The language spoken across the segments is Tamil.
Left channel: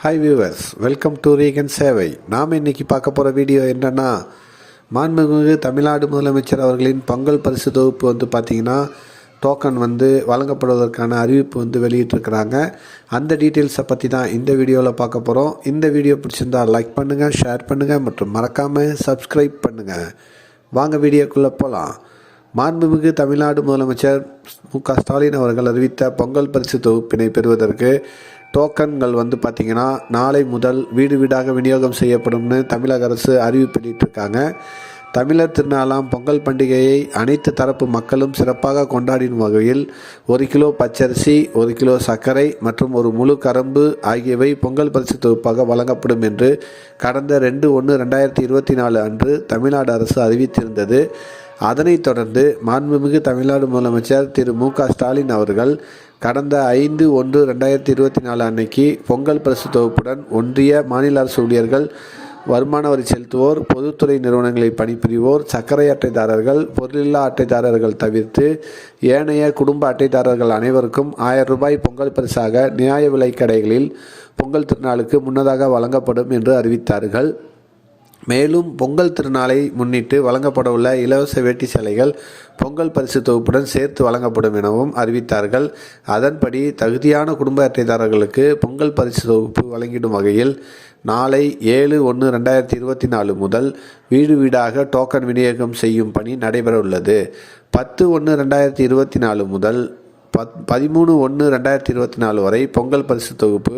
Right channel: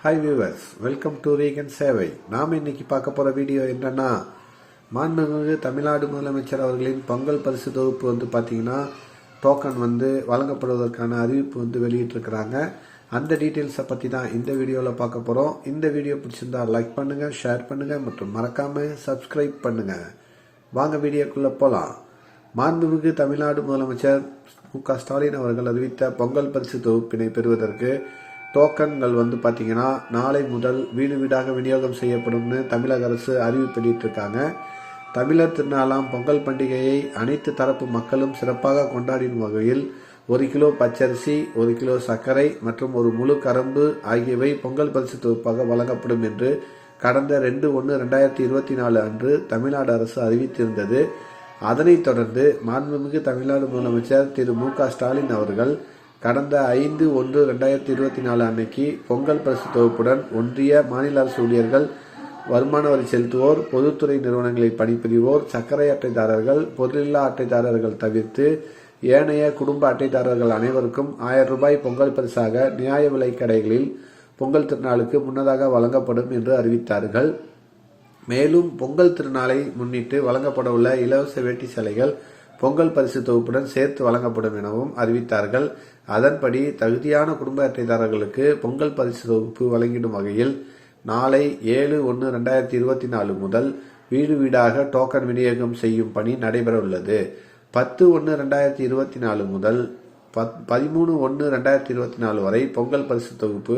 ஹாய் வியூவர்ஸ் வெல்கம் டு ரீகன் சேவை நாம் இன்னைக்கு பார்க்க போகிற வீடியோ என்னென்னா மாண்புமிகு தமிழ்நாடு முதலமைச்சர் அவர்களின் பொங்கல் பரிசு தொகுப்பு வந்து பார்த்திங்கன்னா டோக்கன் வந்து வழங்கப்படுவதற்கான அறிவிப்பு வந்து வெளியிட்டிருக்கிறாங்க. அந்த டீட்டெயில்ஸை பற்றி தான் இந்த வீடியோவில் பார்க்க போகிறோம் இந்த வீடியோ பிடிச்சிருந்தா லைக் பண்ணுங்கள் ஷேர் பண்ணுங்கள் மற்றும் மறக்காமல் சப்ஸ்கிரைப் பண்ணுங்கள் வாங்க வீடியோக்குள்ளே போகலாம் மாண்புமிகு தமிழ்நாடு முதலமைச்சர் மு க ஸ்டாலின் அவர்கள் அறிவித்த பொங்கல் பரிசு தொகுப்பினை பெறுவதற்கு டோக்கன்கள் வந்து பார்த்திங்கன்னா நாளை முதல் வீடு வீடாக விநியோகம் செய்யப்படும்னு தமிழக அரசு அறிவிப்பு இருக்காங்க தமிழர் திருநாளாம் பொங்கல் பண்டிகையை அனைத்து தரப்பு மக்களும் சிறப்பாக கொண்டாடின வகையில் ஒரு கிலோ பச்சரிசி ஒரு கிலோ சர்க்கரை மற்றும் ஒரு முழு கரும்பு ஆகியவை பொங்கல் பரிசு தொகுப்பாக வழங்கப்படும் என்று கடந்த ரெண்டு ஒன்று ரெண்டாயிரத்தி இருபத்தி நாலு அன்று தமிழ்நாடு அரசு அறிவித்திருந்தது. அதனைத் தொடர்ந்து மாண்புமிகு தமிழ்நாடு முதலமைச்சர் திரு மு க ஸ்டாலின் அவர்கள் கடந்த ஐந்து ஒன்று ரெண்டாயிரத்தி இருபத்தி நாலு அன்னைக்கு பொங்கல் பரிசு தொகுப்புடன் ஒன்றிய மாநில அரசு ஊழியர்கள் வருமான வரி செலுத்துவோர் பொதுத்துறை நிறுவனங்களில் பணிபுரிவோர் சர்க்கரை அட்டைதாரர்கள் பொருளில்லா அட்டைதாரர்கள் தவிர்த்து ஏனைய குடும்ப அட்டைதாரர்கள் அனைவருக்கும் ஆயிரம் ரூபாய் பொங்கல் பரிசாக நியாய விலைக் கடைகளில் பொங்கல் திருநாளுக்கு முன்னதாக வழங்கப்படும் என்று அறிவித்தார்கள். மேலும் பொங்கல் திருநாளை முன்னிட்டு வழங்கப்படவுள்ள இலவச வேட்டி சேலைகள் பொங்கல் பரிசு தொகுப்புடன் சேர்த்து வழங்கப்படும் எனவும் அறிவித்தார்கள். அதன்படி தகுதியான குடும்ப அட்டைதாரர்களுக்கு பொங்கல் பரிசு தொகுப்பு வழங்கிடும் வகையில் நாளை ஏழு ஒன்று ரெண்டாயிரத்தி இருபத்தி நாலு முதல் வீடு வீடாக டோக்கன் விநியோகம் செய்யும் பணி நடைபெற உள்ளது பத்து ஒன்று ரெண்டாயிரத்தி இருபத்தி நாலு முதல் பத் பதிமூணு ஒன்று ரெண்டாயிரத்தி இருபத்தி நாலு வரை பொங்கல் பரிசு தொகுப்பு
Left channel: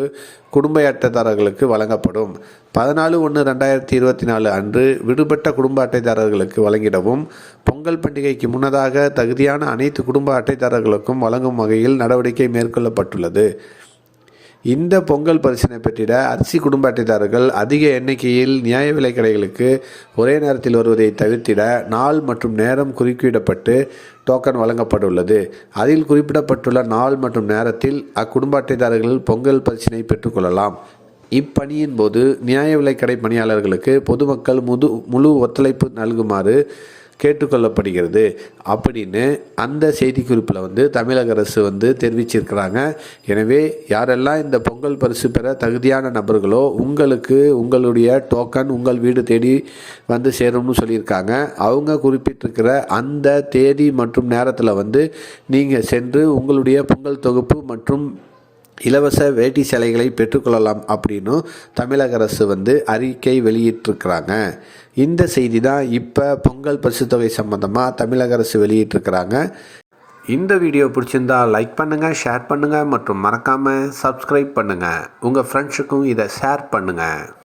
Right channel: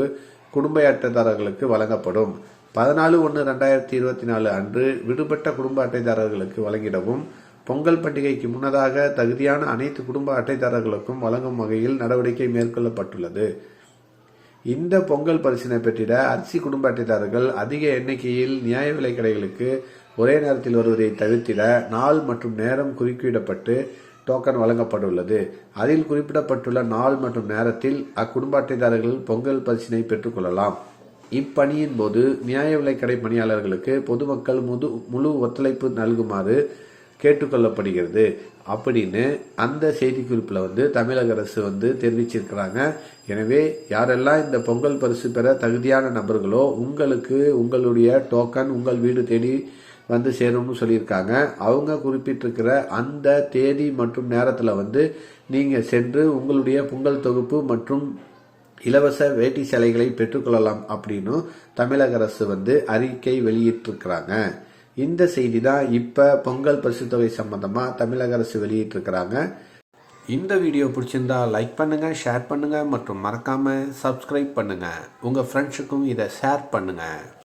குடும்ப அட்டைதாரர்களுக்கு வழங்கப்படும். பதினாலு ஒன்று ரெண்டாயிரத்தி இருபத்தி நாலு அன்று விடுபட்ட குடும்ப அட்டைதாரர்களுக்கு வழங்கிடவும் பொங்கல் பண்டிகைக்கு முன்னதாக தகுதியான அனைத்து குடும்ப அட்டைதாரர்களுக்கும் வழங்கும் வகையில் நடவடிக்கை மேற்கொள்ளப்பட்டுள்ளது. இந்த பொங்கல் பரிசினை பெற்றிட அரிசி குடும்ப அட்டைதாரர்கள் அதிக எண்ணிக்கையில் நியாய விலை கடைகளுக்கு ஒரே நேரத்தில் வருவதை தவிர்த்திட நாள் மற்றும் நேரம் குறுக்கிடப்பட்டு டோக்கன் வழங்கப்பட்டுள்ளது. அதில் குறிப்பிடப்பட்டுள்ள நாள் மற்றும் நேரத்தில் அக்குடும்ப அட்டைதாரர்கள் பொங்கல் பரிசினை பெற்றுக்கொள்ளலாம். இப்பணியின் போது நியாய விலைக்கடை பணியாளர்களுக்கு பொதுமக்கள் முது முழு ஒத்துழைப்பு நல்குமாறு கேட்டுக்கொள்ளப்படுகிறது. அப்படின்னு அந்த செய்திக்குறிப்பில் வந்து தமிழக அரசு வந்து தெரிவிச்சிருக்கிறாங்க. எனவே யாரெல்லாம் இந்த பொங்கல் பரிசு பெற தகுதியான நபர்களோ உங்களுக்கு உங்களுடைய டோக்கன் உங்கள் வீடு தேடி வந்து சேரும்னு சொல்லியிருக்காங்க. அவங்க குறிப்பிட்டிருக்கிற அந்த தேதி மற்றும் நேரத்தில் வந்து நீங்கள் சென்று உங்களுடைய பொங்கல் தொகுப்பு மற்றும் இலவச வேட்டி சேலைகளை பெற்றுக்கொள்ளலாம் அப்படின்னும் தமிழக அரசு வந்து அறிக்கை வெளியிட்டிருக்கிறாங்க. இந்த செய்தி தான் இப்போ பொங்கல் பரிசு தொகை சம்மந்தமாக தமிழக அரசு வெளியிட்டிருக்கிறாங்க. இந்த வீடியோ பிடிச்சிருந்தா லைக் பண்ணுங்கள் ஷேர் பண்ணுங்கள் மற்றும் மறக்காமல் சப்ஸ்கிரைப் பண்ணுங்கள் உங்கள் ஃப்ரெண்ட்ஸுக்கும் இதை ஷேர் பண்ணுங்கள்